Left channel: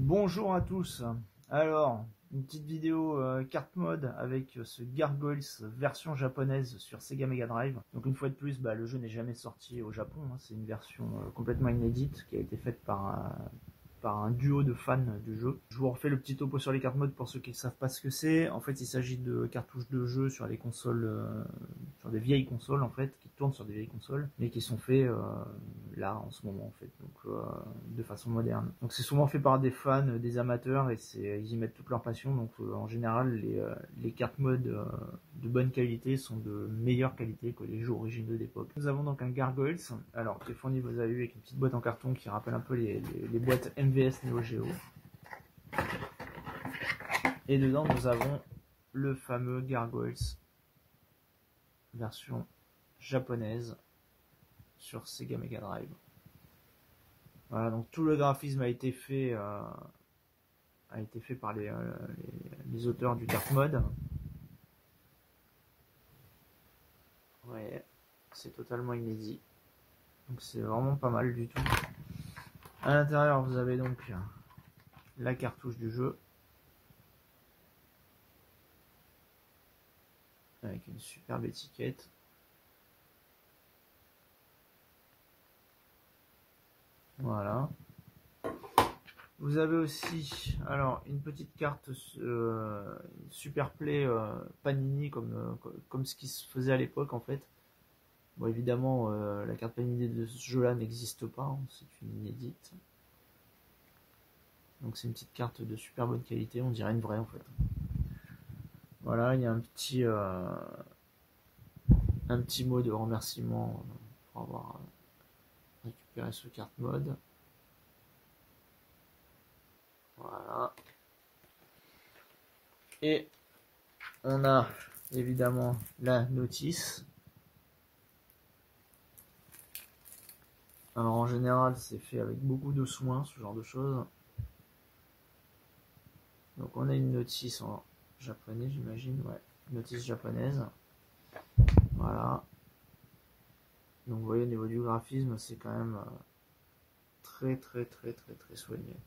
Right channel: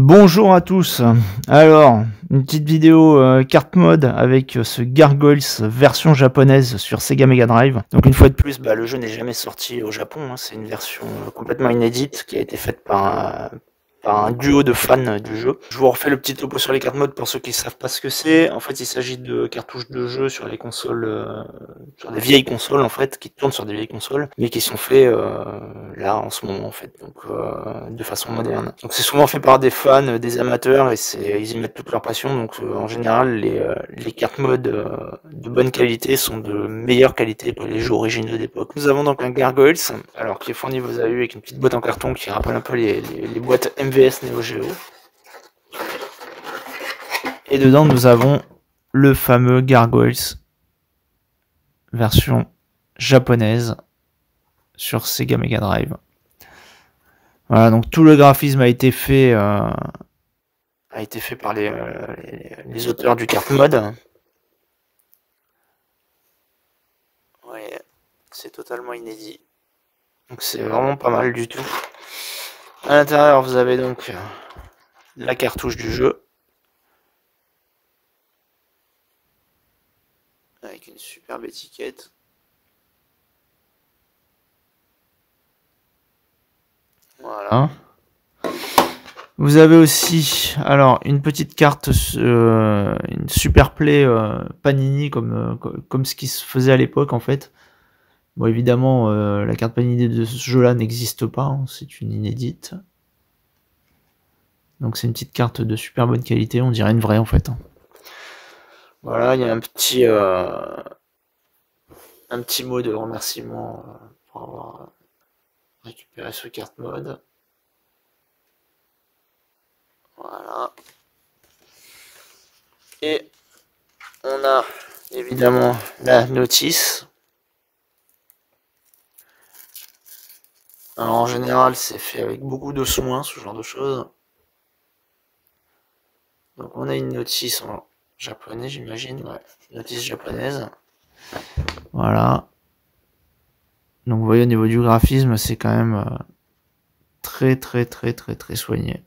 Bonjour à tous. Alors, une petite vidéo carte mode avec ce Gargoyles version japonaise sur Sega Mega Drive. Donc une fois de plus, le jeu n'est jamais sorti au Japon, hein. C'est une version complètement inédite qui a été faite par un duo de fans du jeu. Je vous refais le petit topo sur les cartes mode pour ceux qui ne savent pas ce que c'est. En fait, il s'agit de cartouches de jeu sur les consoles, sur des vieilles consoles en fait, qui tournent sur des vieilles consoles, mais qui sont faits là en ce moment en fait, donc de façon moderne. Donc c'est souvent fait par des fans, des amateurs, et ils y mettent toute leur passion. Donc en général, les cartes mode de bonne qualité sont de meilleure qualité que les jeux originaux d'époque. Nous avons donc un Gargoyles, alors qui est fourni, vous avez vu, avec une petite boîte en carton qui rappelle un peu les boîtes MVS Neo Geo. Et dedans, nous avons le fameux Gargoyles version japonaise sur Sega Mega Drive. Voilà, donc tout le graphisme a été fait par les auteurs du carte mode. Ouais, c'est totalement inédit. Donc c'est vraiment pas mal du tout. À l'intérieur, vous avez donc la cartouche du jeu, avec une superbe étiquette. Voilà. Vous avez aussi, alors, une petite carte, une super play Panini, comme ce qui se faisait à l'époque en fait. Bon, évidemment, la carte Panini de ce jeu-là n'existe pas, hein, c'est une inédite. Donc c'est une petite carte de super bonne qualité, on dirait une vraie en fait. Voilà, il y a un petit mot de remerciement pour avoir récupéré ce carte mode. Voilà. Et on a évidemment la notice. Alors en général, c'est fait avec beaucoup de soin, ce genre de choses. Donc on a une notice en japonais, j'imagine, ouais, notice japonaise. Voilà. Donc vous voyez, au niveau du graphisme, c'est quand même très soigné.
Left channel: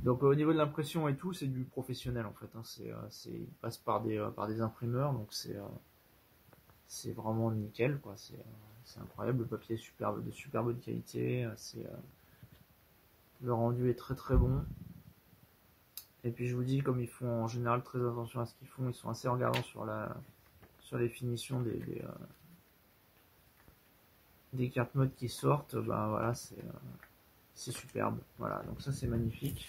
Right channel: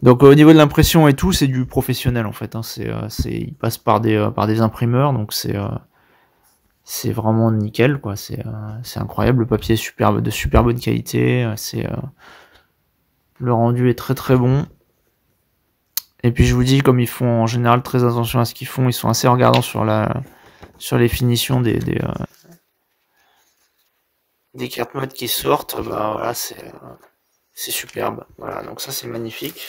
Donc au niveau de l'impression et tout, c'est du professionnel en fait, hein. Il passe par des imprimeurs, donc c'est vraiment nickel, quoi. C'est incroyable, le papier est de super bonne qualité, le rendu est très bon. Et puis je vous dis, comme ils font en général très attention à ce qu'ils font, ils sont assez regardants sur les finitions des cartes mode qui sortent. Voilà, c'est superbe. Voilà, donc ça c'est magnifique.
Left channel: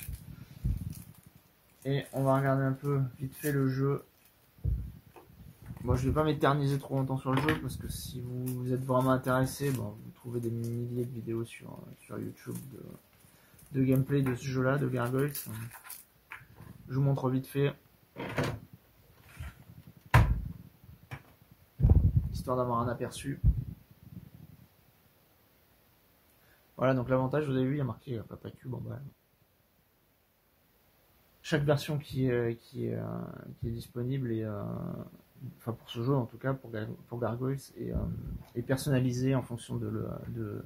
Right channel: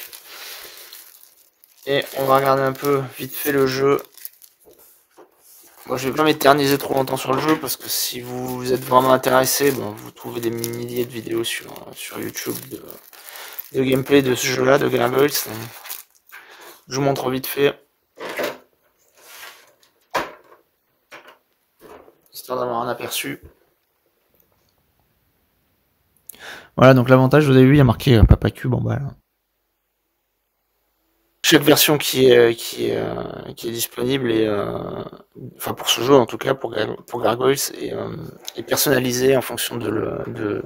Et on va regarder un peu vite fait le jeu. Moi, je vais pas m'éterniser trop longtemps sur le jeu, parce que si vous êtes vraiment intéressé, vous trouvez des milliers de vidéos sur YouTube de gameplay de ce jeu-là, de Gargoyles. Je vous montre vite fait, histoire d'avoir un aperçu. Voilà, donc l'avantage, vous avez vu, il y a marqué Papa Cube en bas là. Chaque version qui est disponible, et enfin pour ce jeu en tout cas, pour Gargoyles, est personnalisée en fonction de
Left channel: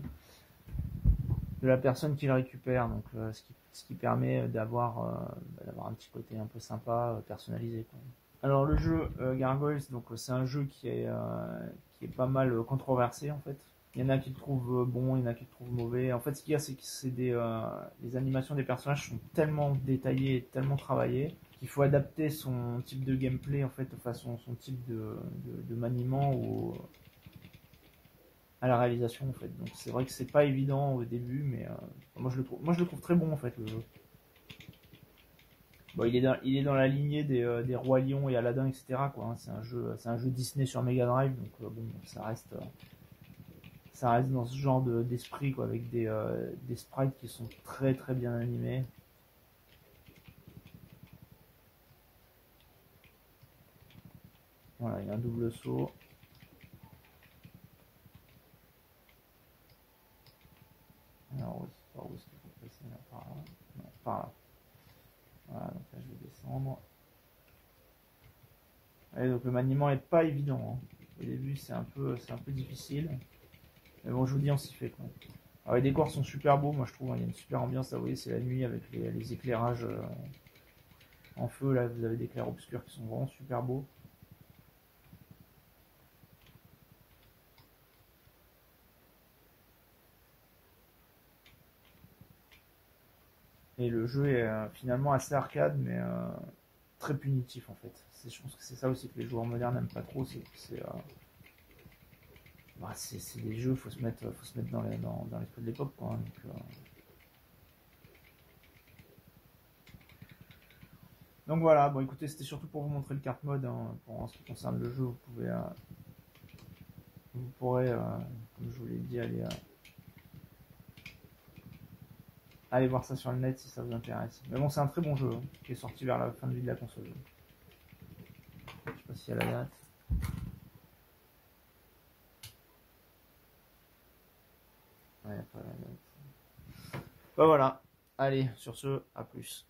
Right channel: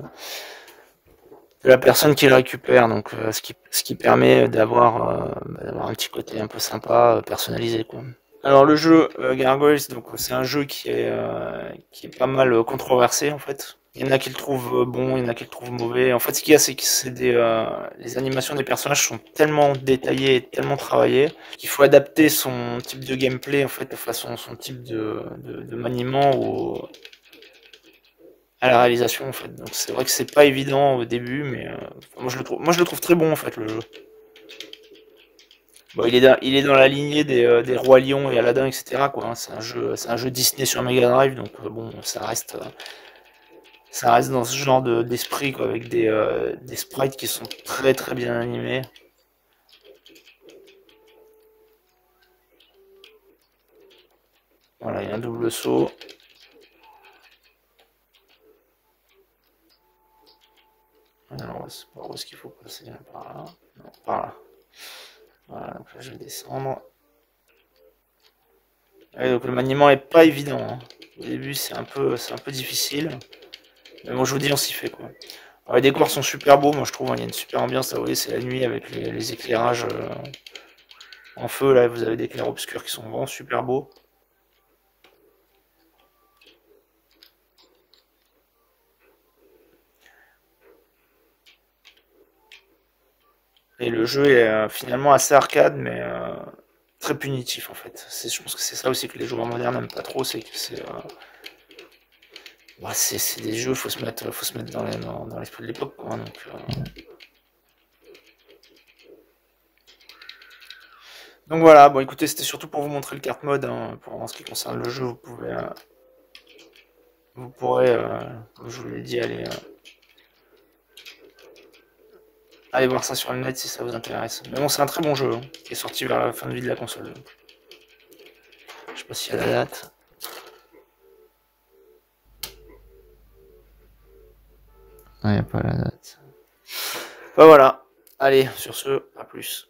la personne qui le récupère, donc ce qui permet d'avoir un petit côté un peu sympa, personnalisé, quoi. Alors le jeu Gargoyles, donc c'est un jeu qui est pas mal controversé en fait. Il y en a qui le trouvent bon, il y en a qui le trouvent mauvais. En fait, ce qu'il y a, c'est que les animations des personnages sont tellement détaillées et tellement travaillées qu'il faut adapter son type de gameplay, en fait, de façon, son type de maniement à la réalisation, en fait. Donc c'est vrai que c'est pas évident au début, mais moi je le trouve très bon en fait, le jeu. Bon, il est dans la lignée des Rois Lions et Aladdin, etc., quoi, hein. C'est un jeu Disney sur Mega Drive, donc bon, ça reste dans ce genre d'esprit, quoi, avec des sprites qui sont très bien animés. Voilà, il y a un double saut. Alors, c'est pas où est-ce qu'il faut passer, là, par là. Non, par là. Voilà, donc là je vais descendre. Et donc le maniement est pas évident, hein. Au début c'est un peu difficile. Mais bon, je vous dis, on s'y fait, quoi. Alors, les décors sont super beaux, moi je trouve, hein, il y a une super ambiance, là, vous voyez, c'est la nuit avec les éclairages en feu, là, vous avez des clairs-obscurs qui sont vraiment super beaux. Et le jeu est finalement assez arcade, mais très punitif en fait. Je pense que c'est ça aussi que les joueurs modernes n'aiment pas trop, c'est que c'est des jeux, faut se mettre dans l'esprit de l'époque, quoi, hein, donc voilà, bon écoutez, c'était surtout pour vous montrer le carte mode, hein, en ce qui concerne le jeu, vous pourrez, comme je vous l'ai dit, aller voir ça sur le net si ça vous intéresse. Mais bon, c'est un très bon jeu, hein, qui est sorti vers la fin de vie de la console. Je sais pas s'il y a la date. Ah, il n'y a pas la date. Bah voilà. Allez, sur ce, à plus.